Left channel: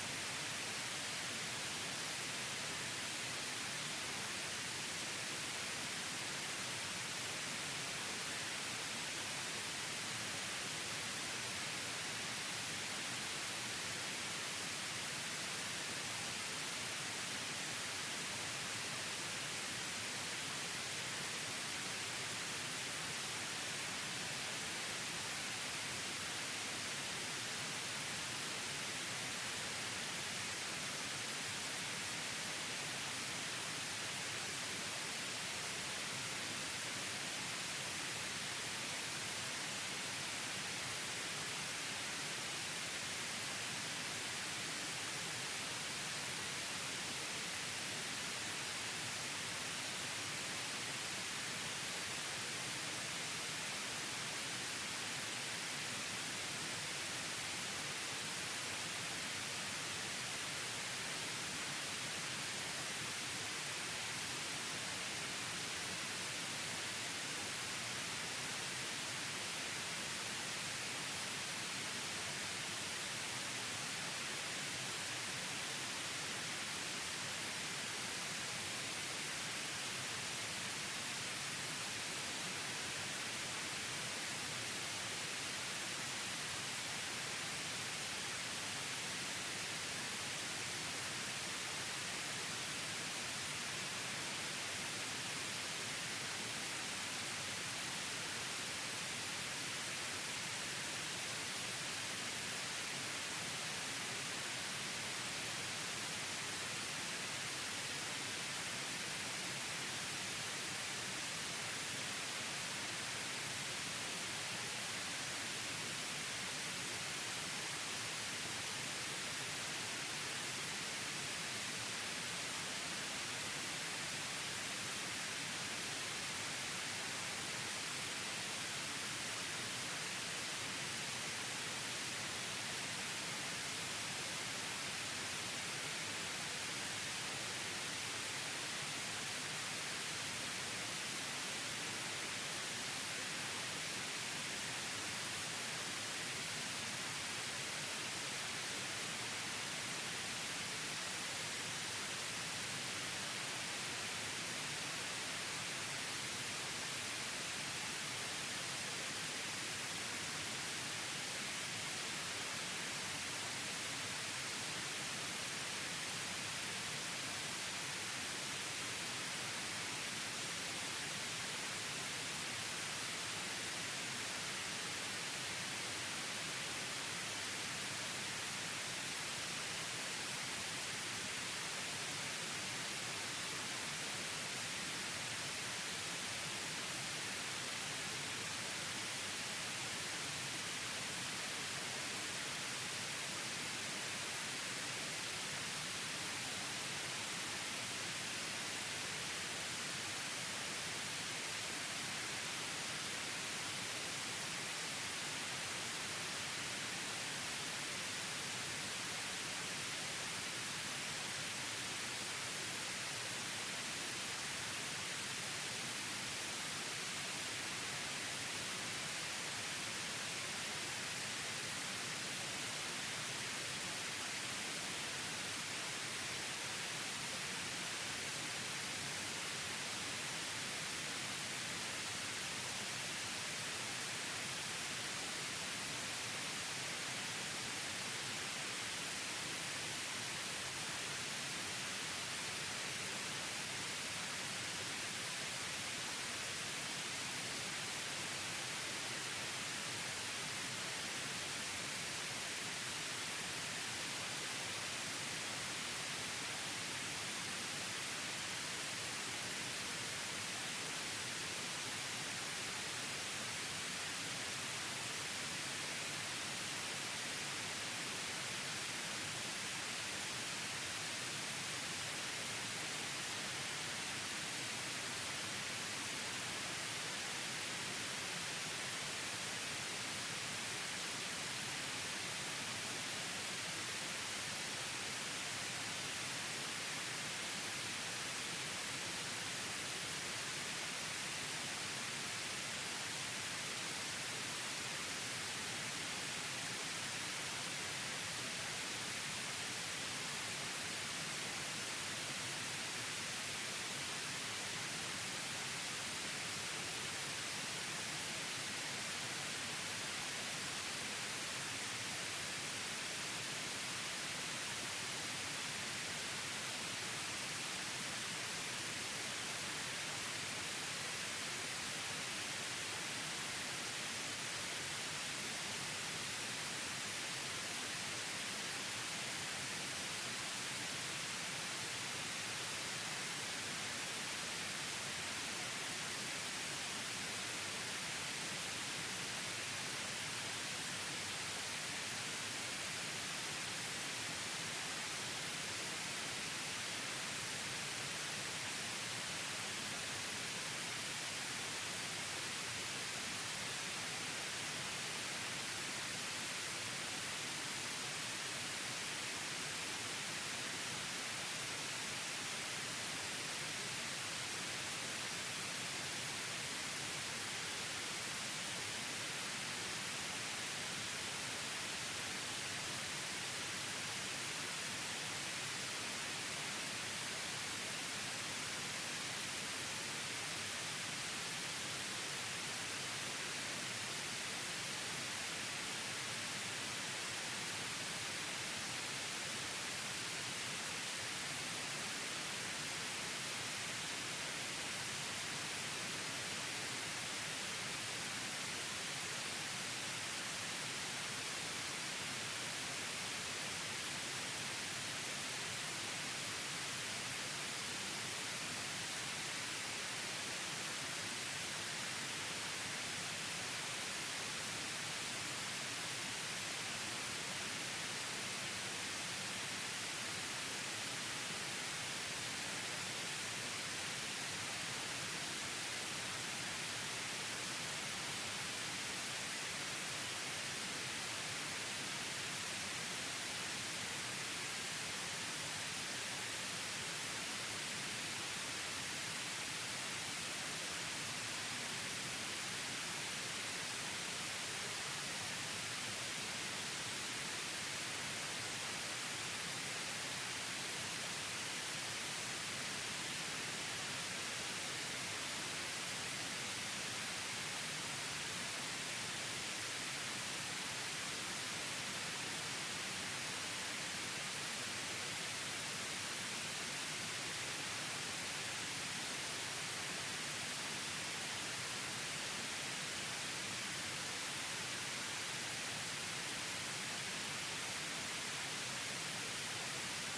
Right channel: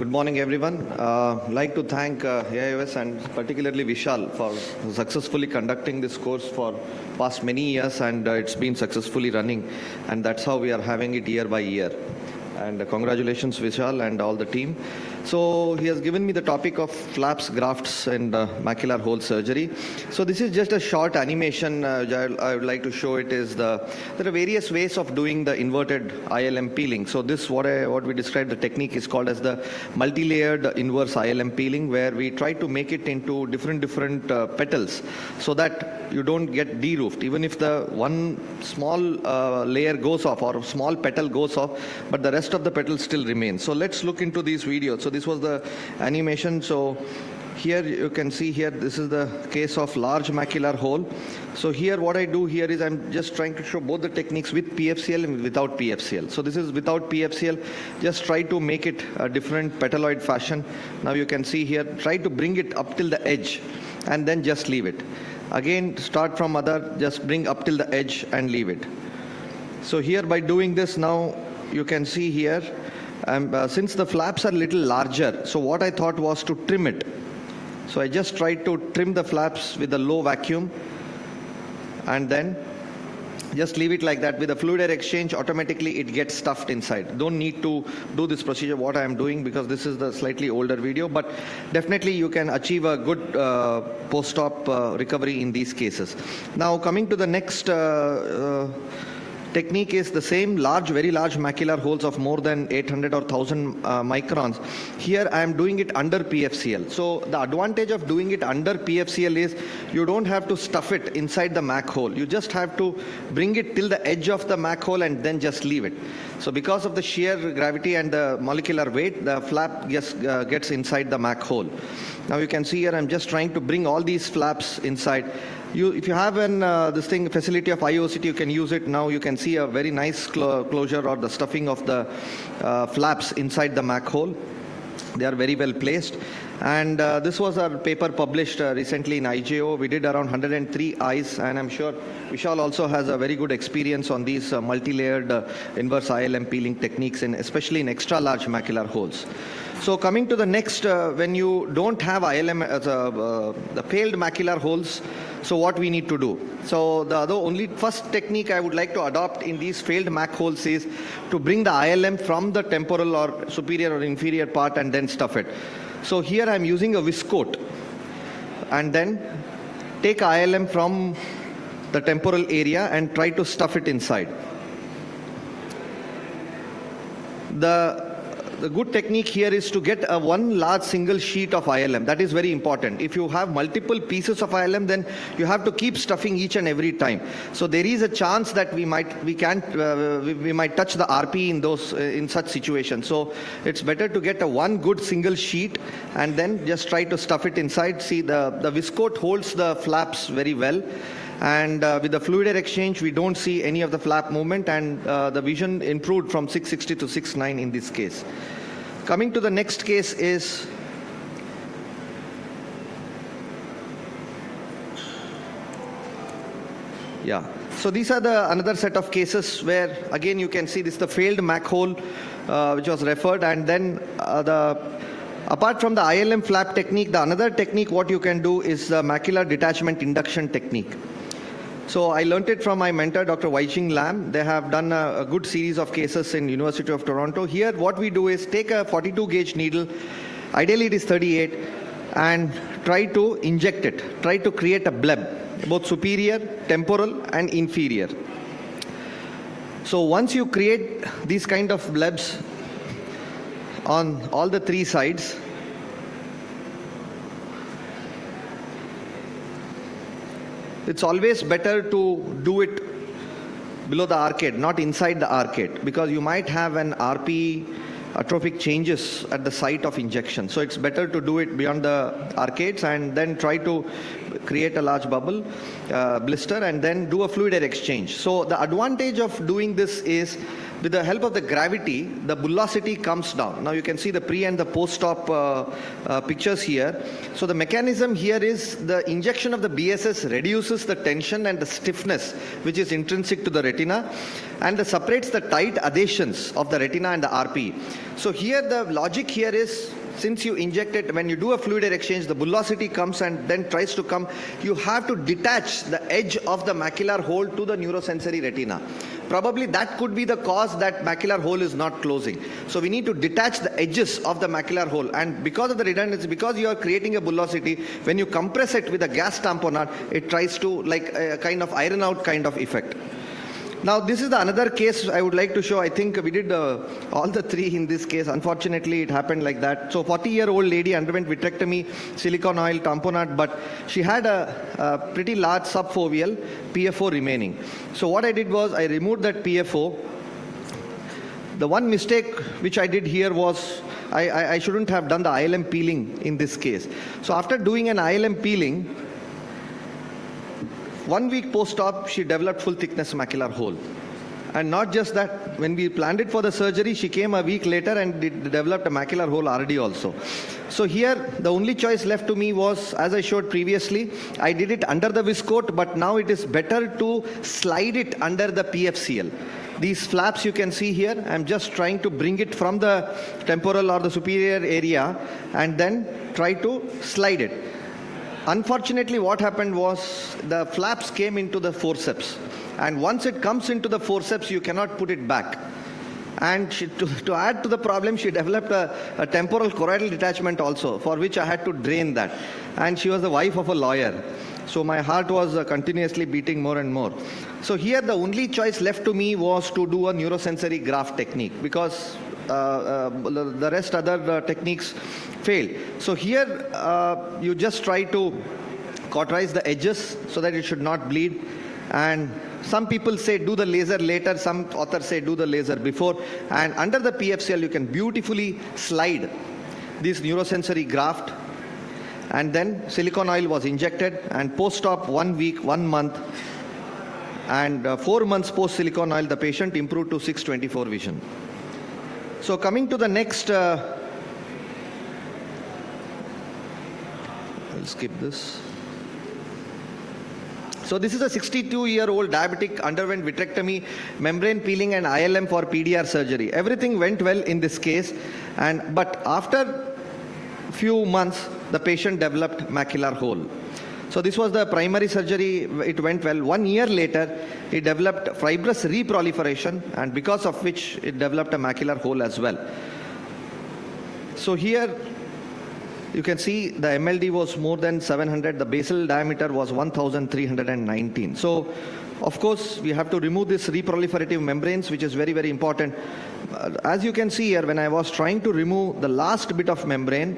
Good morning, everyone. I'd like to thank AIOS and particularly Vishal for successfully conducting this course for past many years, and it's been successfully running, and that's how we are having it year by year. And congratulations, Vishal, and all the team. So he has given me the topic of flaps, grafts, and macular hole surgery. So this is just a short animation. I would like to show it is there are various ways of doing the inverted ILM peeling. So this what we describe the technique is called as the multi-layered inverse ILM peeling, where we try to make it into different petals, so that you don't get de-roofed. Even if the one small layer goes off or a small petal goes off, but the rest of the petals still remain. So let's look into these videos. So this was the animation. So here you can see here, this is the case of large macular hole. So here what I do here is I'm just trying to show both the techniques with PFCL and without PFCL. So this is without PFCL. Just try to make it a different petaloid fashion. Now you can see here, try to bring it up till the edge and then just leave it. Again, start from other, just bring up till the edge and leave it. So here by doing this now, you can see here, since the flaps are a little larger, so what I thought was to trim it. So I just tried to trim the flaps with a low vacuum and then just leave it like that. With a fluid air exchange, automatically it gets stuffed inside. Don't need to do this procedure what I am doing, because this is the slightly older video, but definitely you can achieve a good post-op recovery in these cases. Now coming to the next technique is the same very large macular holes of more than 800 or 1000 microns. Here I am doing it under PFCL. So the advantage of doing it under PFCL is you don't have to stuff it inside the Mac hole. You just have to bring it till the edge of the Mac hole and then just leave it. So because of the shear gravity and the molecular weight, the flap just gets inside the Mac hole. Now you can see here I'm just trying to bring all these flaps inside. If you have an facility of IOCT, you can use it. Now you can see a very nice closure or the stuffing of the flaps inside the Mac hole. They are very well placed. And this was a paper published recently in IJO. We did around 103 eyes, and I'm sure Vishal also has a very good experience on these multi-layered inverse ILM peeling techniques, especially in extra large macular holes. So coming to the next, when you don't have ILM as the failed macular holes, so what we need to do? So the first technique I would like to adopt in these failed Mac holes is to bring the ILM from the temporal or superior or inferior part and then stuff it. So here I'm using a viscoat and then take ILM from the temporal area and try to stuff it inside. The good technique here is to get one large single sheet of ILM. That is very important. If you have multiple pieces of ILM, then you have to keep stuffing each and every time. So there is a chance that we might touch the RP in such situations. So it's better to get one good single sheet and then just try to stuff it inside. See, the viscoat holds the flaps very well. And with the fluid air exchange, we don't see any of the flap movement, and the vision improved from 660 to 6.9 in this case. Coming to the next case is so these are another set of cases where again you can see this is the failed Mac hole which was referred, and then apart from the ILM flap technique, the another technique what you can do is the macular detachment induction technique. So I learned it from my mentor, Dr. Wai-Ching Lam. They have done a good series of cases in University of Toronto. Here what we do is take a 42 gauge needle, ideally it is 38, and try to inject it, try to create a bleb, both superior, temporal and inferior. So once you create these kind of blebs on all the three sides, it's always better to do it below the arcade, not inside the arcade, because you might have an RP atrophic changes at the site of injection. So it's better to do it beyond the arcades and then try to create a large bubble, blister, and then do a fluid air exchange. So the advantage of doing this is with the help of the gravity, the bullosity comes down. Now you can see the pre and the post-op pictures here. So the mechanism here is the injection of the BSS reduces the tension and the stiffness which is intrinsic to the retina, and separates the tight adhesions of the retina and the RP. So here the logic here is, since you inject it, when you do a fluid air exchange, the bullosity comes and then tries to come, you have to detach the edge of the macular hole to the neurosensory retina. Probably that could be the cause that macular hole is not closing. So we need to detach the edges of the macular hole, and because of the redundancy, because you are creating a bullosity, when you compress it with a gas tamponade, it tries to like a kind of iron out kind of effect. Now this is the another case I would like to show. I think we did all the three in this case. Unfortunately, it happened like that. So 40-year-old lady underwent vitrectomy, silicone oil, tamponade, but she had a pretty large subfoveal PFO remaining. So what I did was I removed that PFO. The one mistake which I did here was I shouldn't have done the ILM peeling in this case. So after doing an ILM peeling, 1 week post-op, she developed full thickness macular hole. And not just that, when we planned it for the surgery, she came a week later and developed a macular hole RD also. So here, the only choice left to me was, as I showed previously, I did it under the viscoat, but now it is better to slide it under the PFCL. These flaps you can see here, I'm just trying to bring it from the temporal or the superior area and then try to slide it. Unfortunately, what happened was the flaps came into the forceps. And once it comes into the forceps, you cannot put it back. And to add to the problem, she developed a temporal choroidal detachment also, for which I had to drain that. And she was the wife of a lawyer. So my heart was continuously beating more and more. So here the only choice left to me was to do a neurosensory graft technique, because the rest other techniques failed. So here you just try to cauterize the edges so that it should not bleed. And some people say do the laser later, some authors say do the laser before. And under the PFCL, you can beautifully slide this neurosensory graft. And then silicone oil was injected, and post-op 1 week, 1 month, and 4 months post-silicone oil, the patient improved to 624 vision. So coming to the next, I'll skip this. So this is a 62-year-old diabetic, underwent vitrectomy, membrane peeling and ILM for PDR surgery. Everything went well in this case, but after few months, the patient developed macular hole. So this was the primary surgery, it went well. 1 year later, it developed fibrous reproliferation, and because of which it developed a macular hole as well. So here, you can see the MLD was more than 700, the basal diameter was 1319. So, of course, we have to remove this reproliferative membranes, which is very, very important. As you can see here, when I was trying to remove the last bit of membrane,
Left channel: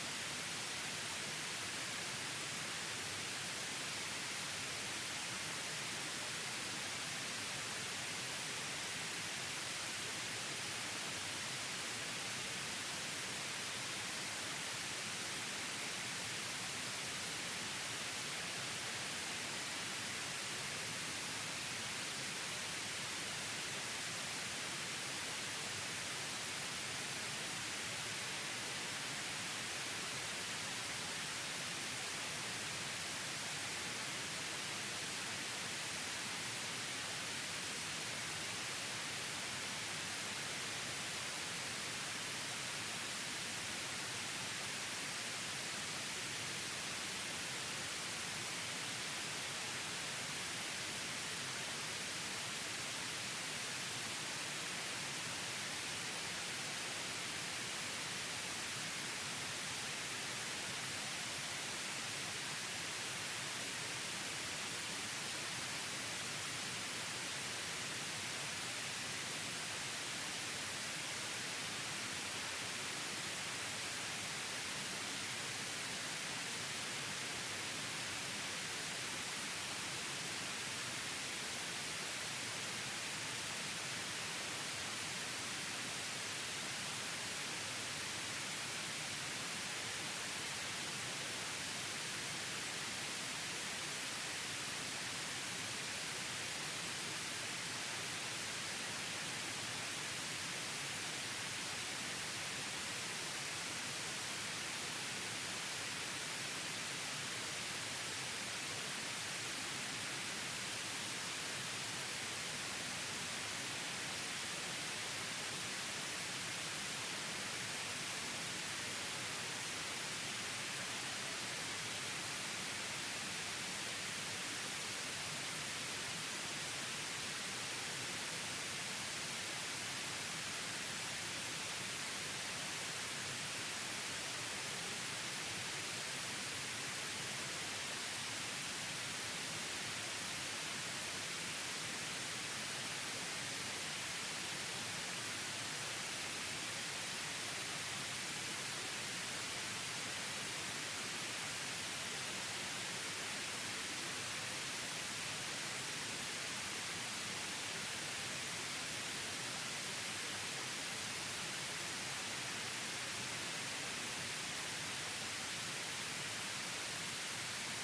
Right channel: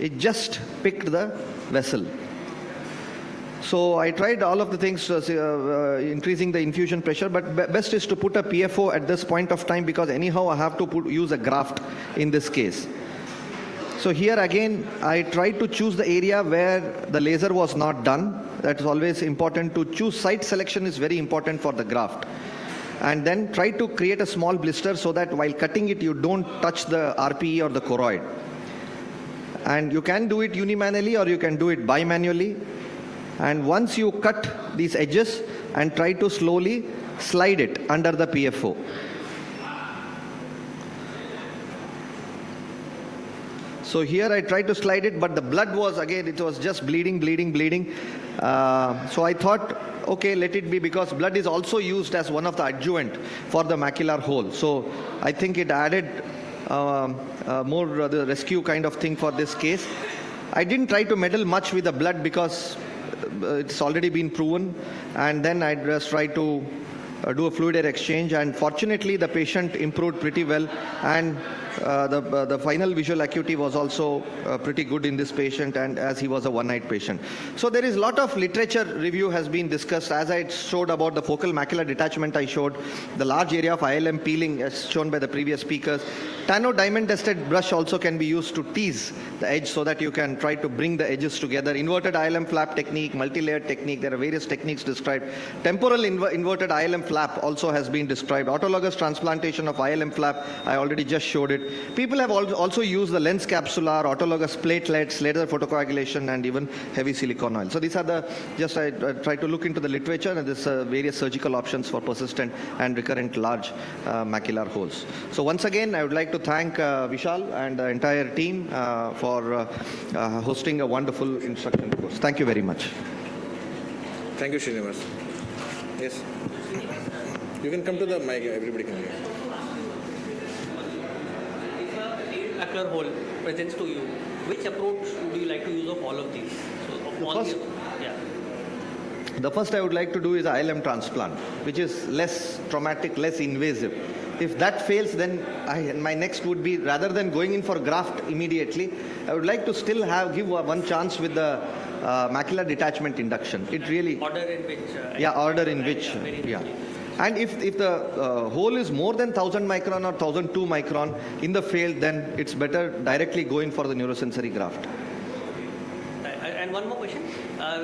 it just picked the vessel. So I tried all of the things, increasing the infusion pressure, but best is to put a PFO at this point of time, because anyhow I have to use a graft in this case. So here again, I tried to choose the area where the laser was not done. That is always important. To choose site selection is very important for the graft. And then try to create a small blister so that while cutting it, you don't touch the RPE or the choroid. And you can do it unimanually or you can do it bimanually. And once you cut these edges, and try to slowly slide it under the PFO. So here I tried to slide it, but the blood was, again, it was just bleeding. So I thought, okay, let it be, because blood is also used as one of the adjuvant for the macular hole. So I think it added more the rescue kind of thing for this case. I didn't try to meddle much with the blood because it's already been proven. And then I just tried to do a fluid air exchange, and fortunately the patient improved pretty well, and the final visual acuity was also pretty good in this patient, and as he was a one-eyed patient. So there is a lot of literature review has been discussed. As I showed about the focal macular detachment, I showed the large area of ILM peeling as shown by the previous speakers. Tanno diamond tested brush also can be used to tease the edge so that you can try to bring the edges together. Inverted ILM flap technique, multi-layered technique, there are various techniques described. Temporal inverted ILM flap also has been described. Autologous transplantation of ILM flap, I already just showed it. People have also used the lens capsular, autologous platelets, laser photocoagulation, and even heavy silicone oil. So these are the, just I try to look into the literature, and there's various surgical options for persistent and recurrent large macular holes. So once again, I would like to thank Vishal and the entire team for hosting a wonderful instruction course. Thank you very much. Thank you, Shrinivas. Yes. You can come to the mic, everybody can hear. If a macular hole presents to you, which approach would you like to use of all of these? So, the first I would like to do is ILM transplant, which is less traumatic, less invasive. If that fails, then my next would be, rather than going in for graft immediately, I would like to still give one chance with the macular detachment induction. It really... Order in which... order in which... And if the hole is more than 1000 micron or 1002 micron in the field, then it's better directly going for the neurosensory graft. And one more question.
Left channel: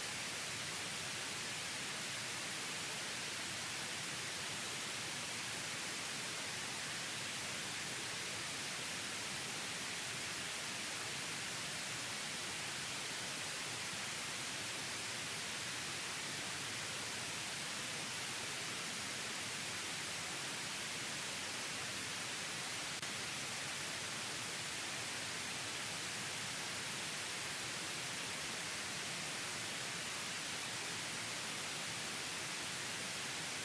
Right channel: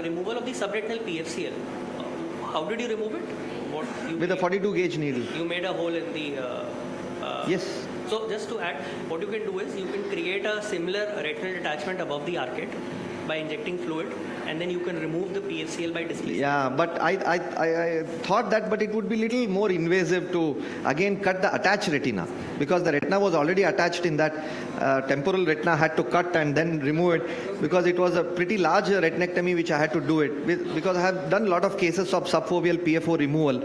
Removal of the subretinal PFCL. How did you remove it? With a 42 gauge needle. You made a hole in the... Yes. So just to add, what you can do is you can create a similar retinal detachment above the arcade by injecting fluid, and then you can remove the PFCL by displacement. Yeah, but I thought that, but it would be little more invasive to again cut the attached retina, because the retina was already attached in that temporal retina. Had to cut and then remove it, because it was a pretty large retinectomy which I had to do it because I have done a lot of cases of subfoveal PFO removal.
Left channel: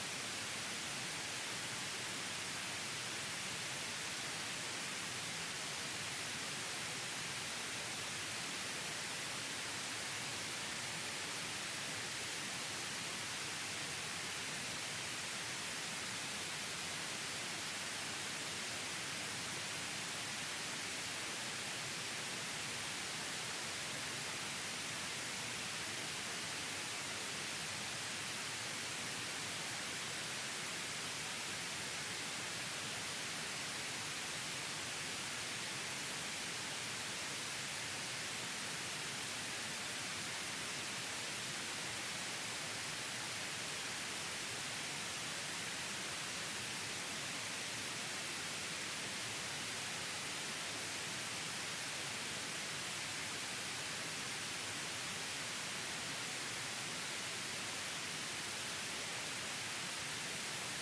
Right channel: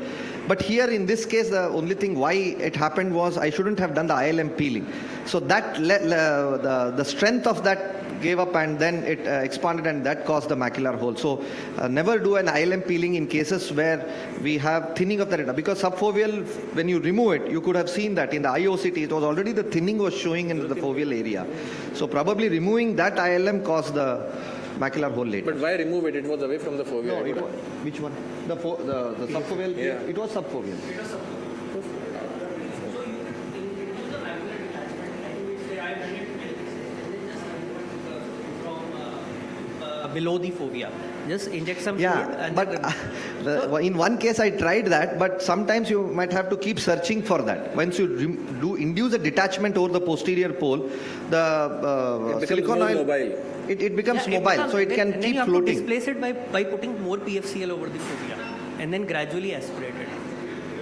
But here in this case, the only thing why it happened was I shouldn't have done the ILM peeling. So that the strength of that gave up, and then it expanded, and that caused the macular hole. So never do an ILM peeling in cases where we have thinning of the retina, because subfoveal, when you remove it, you could have seen that in the IOCT, it was already the thinning was showing in the foveal area. So probably removing that ILM caused the macular hole later. But why remove it? It was away from the foveal. No, it was, which one? The subfoveal? Yeah. It was subfoveal. Below the fovea. Just inject some fluid. Yeah, And but in one case I tried that, but sometimes you might have to keep searching for that. Once you induce a detachment over the posterior pole, the silicone oil, mobile. It becomes mobile, so it can keep floating. You have to displace it by putting more PFCL over the fovea and then gradually aspirate it.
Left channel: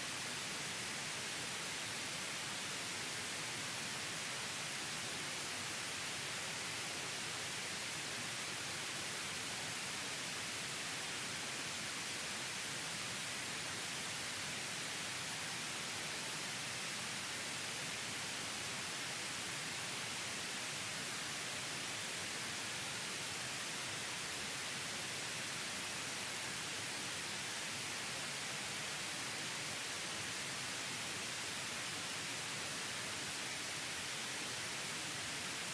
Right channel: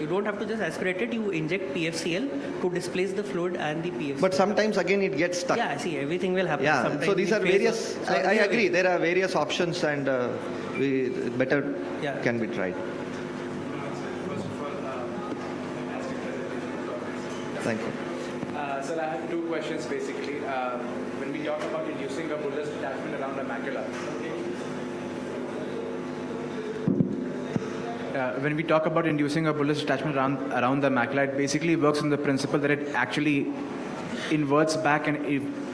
You don't have to just aspirate it, you inject PFCL to displace the fluid and the PFCL. But sometimes again it gets stuck. Yeah, see, everything will happen. Yeah, Sometimes so these are various, I agree, there are various options, and better can be tried. Thank you. Sir, I have two questions basically. When we talk about reducing the bullous detachment around the macula, when we talk about inducing a bullous detachment around the macula, it basically works on the principle that it actually inverts back an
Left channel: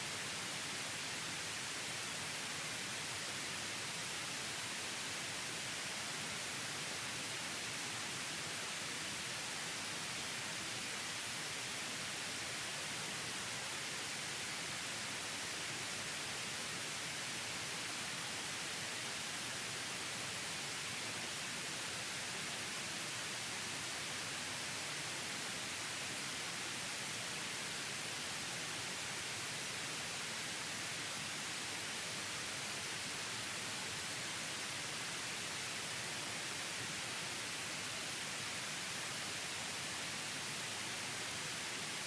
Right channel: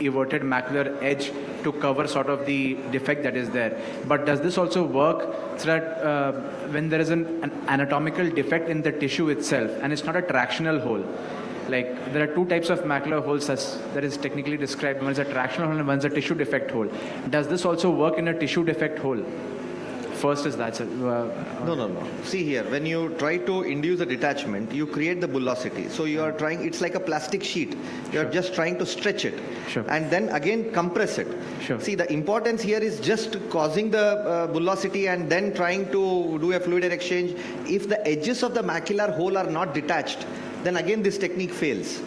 everted macular edge to cover sort of the defect that is there. But does this also work so that when there is an anatomical defect in the tissue itself and it's not a tractional hole? Like there are two types of macular holes that is technically described. One is a tractional hole and one is a tissue defect hole. Does this also work in a tissue defect hole? First is that, sir. No. See here, when you try to induce a detachment, you create the bullosity. So you are trying, it's like a plastic sheet. You are just trying to stretch it. Sure. And then again compress it. Sure. See, the importance here is just causing the bullosity and then trying to do a fluid exchange. If the edges of the macular hole are not detached, then again this technique fails.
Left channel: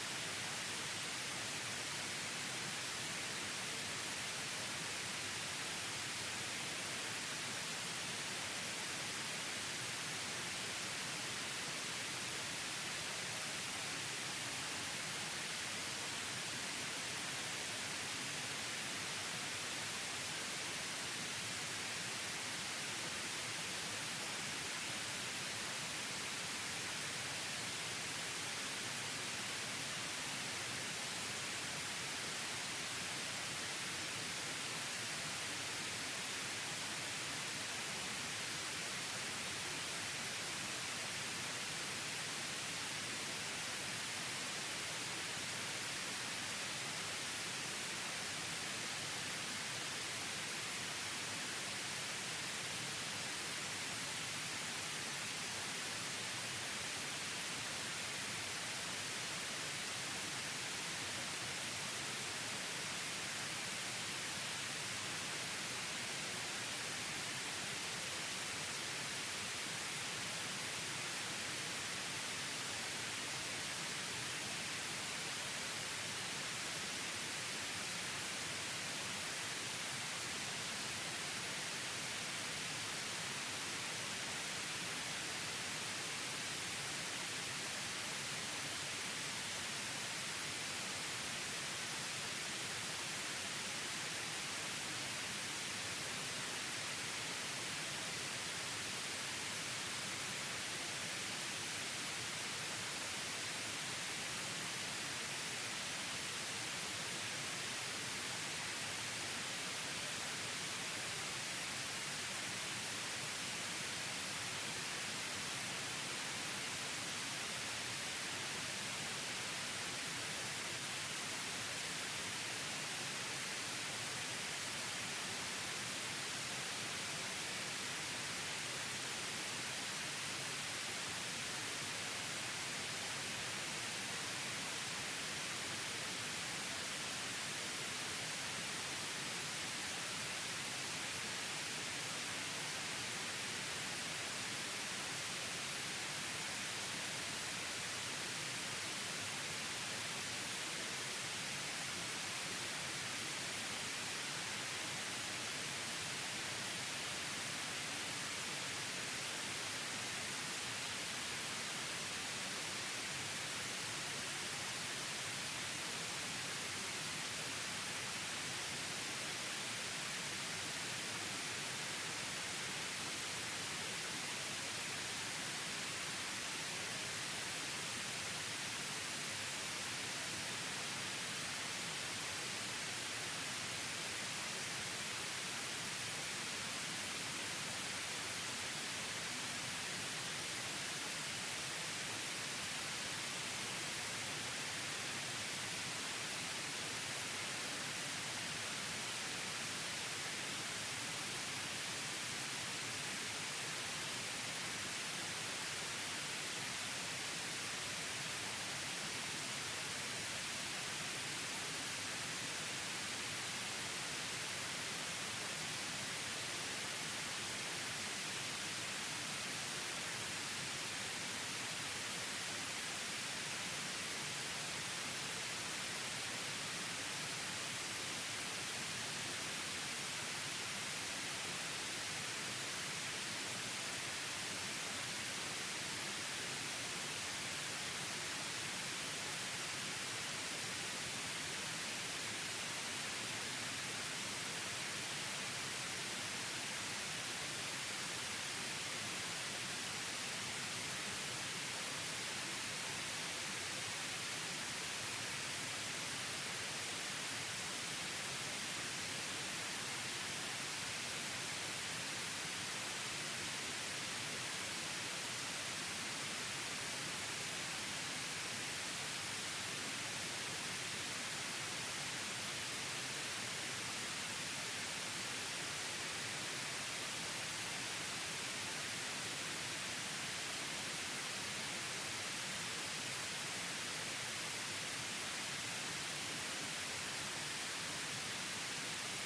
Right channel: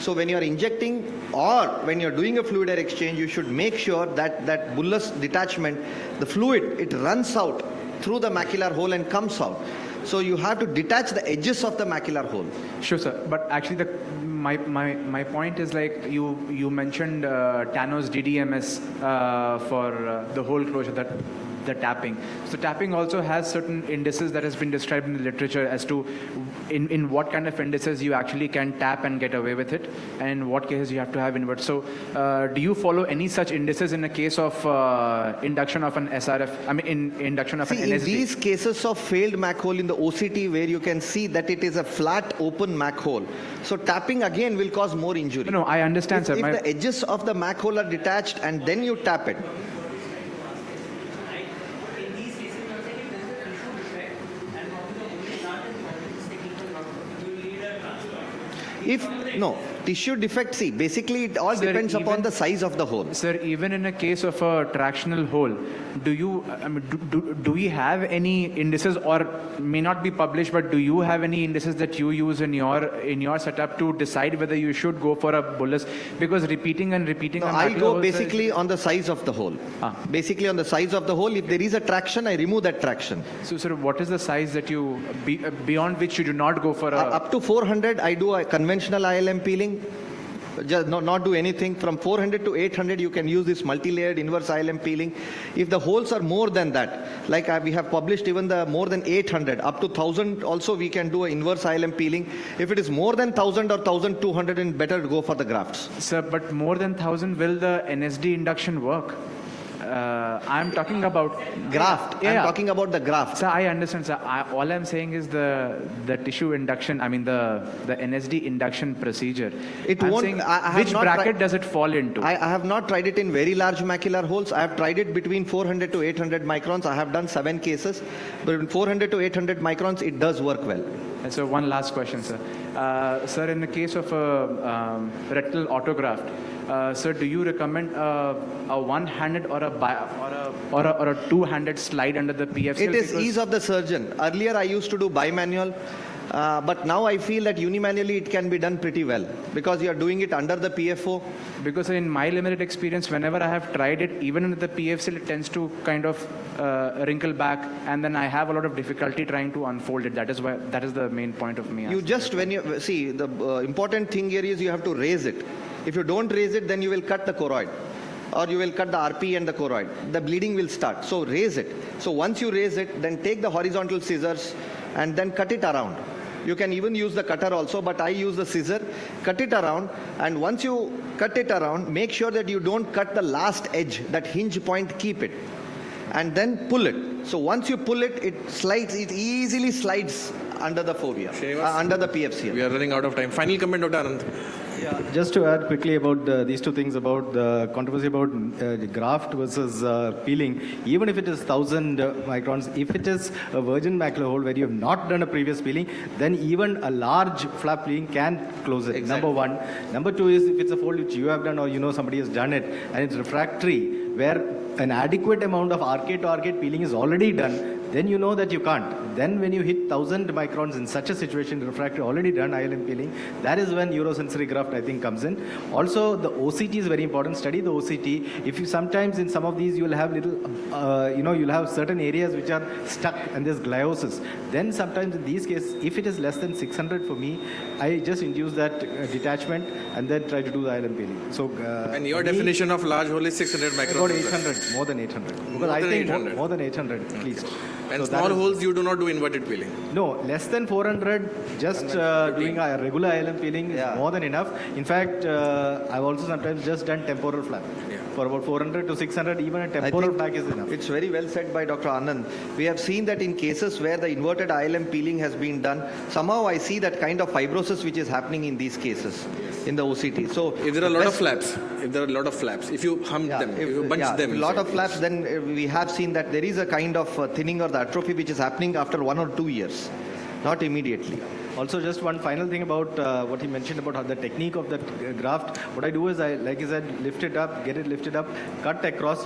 So when you are injecting or when you are doing a fluid exchange, you should make sure that that bullous detachment, the fluid, it runs out through the macular hole and comes out. So you have to detach the edges of the macular hole. Sure, sir. But actually, my point is like you mentioned Tano's DDMS for the hole closure, the tapping. So tapping also has certain indices that has been described in the literature as to in what kind of indices you actually can tap and get away with it, and in what cases you have to have invert. So do you follow any such indices in the case of induction of an SRF, induction of an NSD? In these cases of failed Mac hole in the OCT, where you can see that it is a flat open Mac hole, so tapping again will cause more injury. No, I understand, sir. If the edges of the Mac hole are detached and then you tap it, tissue defect, see, basically it all depends upon the size of the hole. Sir, even in a case of a tractional hole, do you, I mean, do we have any indices, or may not be published, but do you have any indices that you use in your setup to decide whether you should go for a bullous? Because repeating and repeating. No, a I macular go hole basically on the size of the hole. Basically on the size of the hole. If there is a traction, I remove that traction. So, sir, what is the size that you, beyond which you do not go for a... Up to 400, I do a conventional ILM peeling. Just not do anything. From 400 to 800, you can use this multi-layered inverse ILM peeling. If the holes are more than that, like we have published even the more than 800, up to 1000 also we can do an inverse ILM peeling. If it is more than 1000 or 1200, then better go for the grafts. Sir, but more than 1000, will the NSD induction work? I'm talking about Graft. Yeah. I'm talking about the graft. Sir, I understand, sir. All I'm saying is the tissue induction, I mean the NSD induction procedure. It I'm won't. saying, I have which not bracket does it fall into? I have not tried it in very large macular holes. I have tried it between 400 to 800 microns. I have done 7 cases. But in 400 to 800 microns, it does work well. And so one last question, sir. Sir, in the case of a retinal autograft, sir, do you recommend a one-handed or a two-handed slide under the PFCL? It is ease of the surgeon. Earlier, I used to do bimanual. But now I feel that unimanually it can be done pretty well because you are doing it under the PFO. Because in my limited experience, whenever I have tried it, even with the PFCL, it tends to kind of wrinkle back, and then I have a lot of difficulty trying to unfold it. That is the main point of me. You just, when you see, the important thing here is you have to raise it. If you don't raise it, then you will cut the choroid, or you will cut the RP and the choroid. The bleeding will start. So raise it. So once you raise it, then take the horizontal scissors and then cut it around. You can even use the cutter also, but I use the scissor. Cut it around, and once you cut it around, make sure that you don't cut the last edge, that hinge point, keep it. And then pull it. So once you pull it, it easily slides under the fovea, under the PFCL. We are running out of time. Final comment, Dr. Anand. Yeah, just to add quickly about these two things about the controversy about graft versus peeling. Even if it is 1000 microns, if it is a virgin macular hole where you have not done a previous peeling, then even a large flap peeling can close it. Exactly. Number one. Number two is if it's a hole which you have done or you know somebody has done it and it's refractory, where an adequate amount of arcade to arcade peeling is already done, then you know that you can't. Then when you hit 1000 microns in such a situation, refractory already done ILM peeling, that is when urosensory graft I think comes in. Also the OCT is very important. Study the OCT. If you sometimes in some of these you will have little, you'll have certain areas which are stuck and there's gliosis. Then sometimes in these cases, if it is less than 600 for me, I just induce that detachment and then try to do the ILM peeling. So, And your definition of large hole is 600 microns. about 800, more than 800. Because I than think 800. more than 800 at least. And So that small is- holes, you do not do inverted peeling. No, less than 400, just doing a regular ILM peeling is more than enough. In fact, I've also sometimes just done temporal flap. For about 400 to 600, even a temporal flap is enough. It's very well said by Dr. Anand. We have seen that in cases where the inverted ILM peeling has been done, somehow I see that kind of fibrosis which is happening in these cases in the OCT. So If there are a lot of flaps, if you hump them, if you bunch them. a lot of flaps, then we have seen that there is a kind of thinning or the atrophy which is happening after 1 or 2 years, not immediately. Also, just one final thing about what he mentioned about how the technique of that graft. What I do is, like I said, lift it up, get it lifted up, cut across,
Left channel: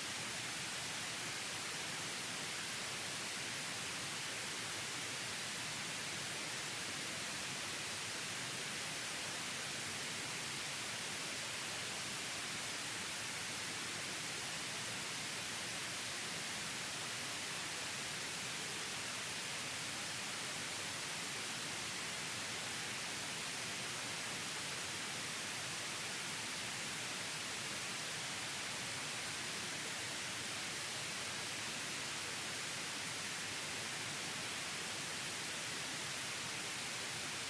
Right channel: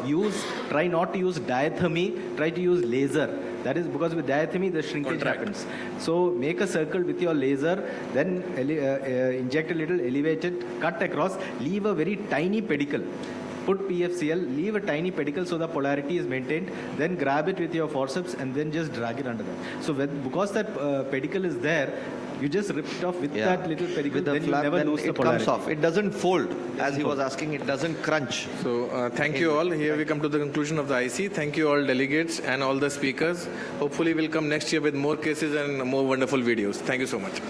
try not to use diathermy, try to use laser. That is because with diathermy, the shrinkage happens. So make a circle with your laser, then inject a little, elevate it, cut across, leave a very tiny pedicle. Put PFCL, leave a tiny pedicle so the polarity is maintained, then grab it with your forceps and then just drag it under that. So because that pedicle is there, you just rip it off with that little pedicle, With the then flap, you never then lose the it polarity. comes off. It doesn't fold, as he was asking, it doesn't crunch. So thank you all. Here we come to the conclusion of the IC. Thank you all delegates and all the speakers. Hopefully we'll come next year with more cases and more wonderful videos. Thank you so much.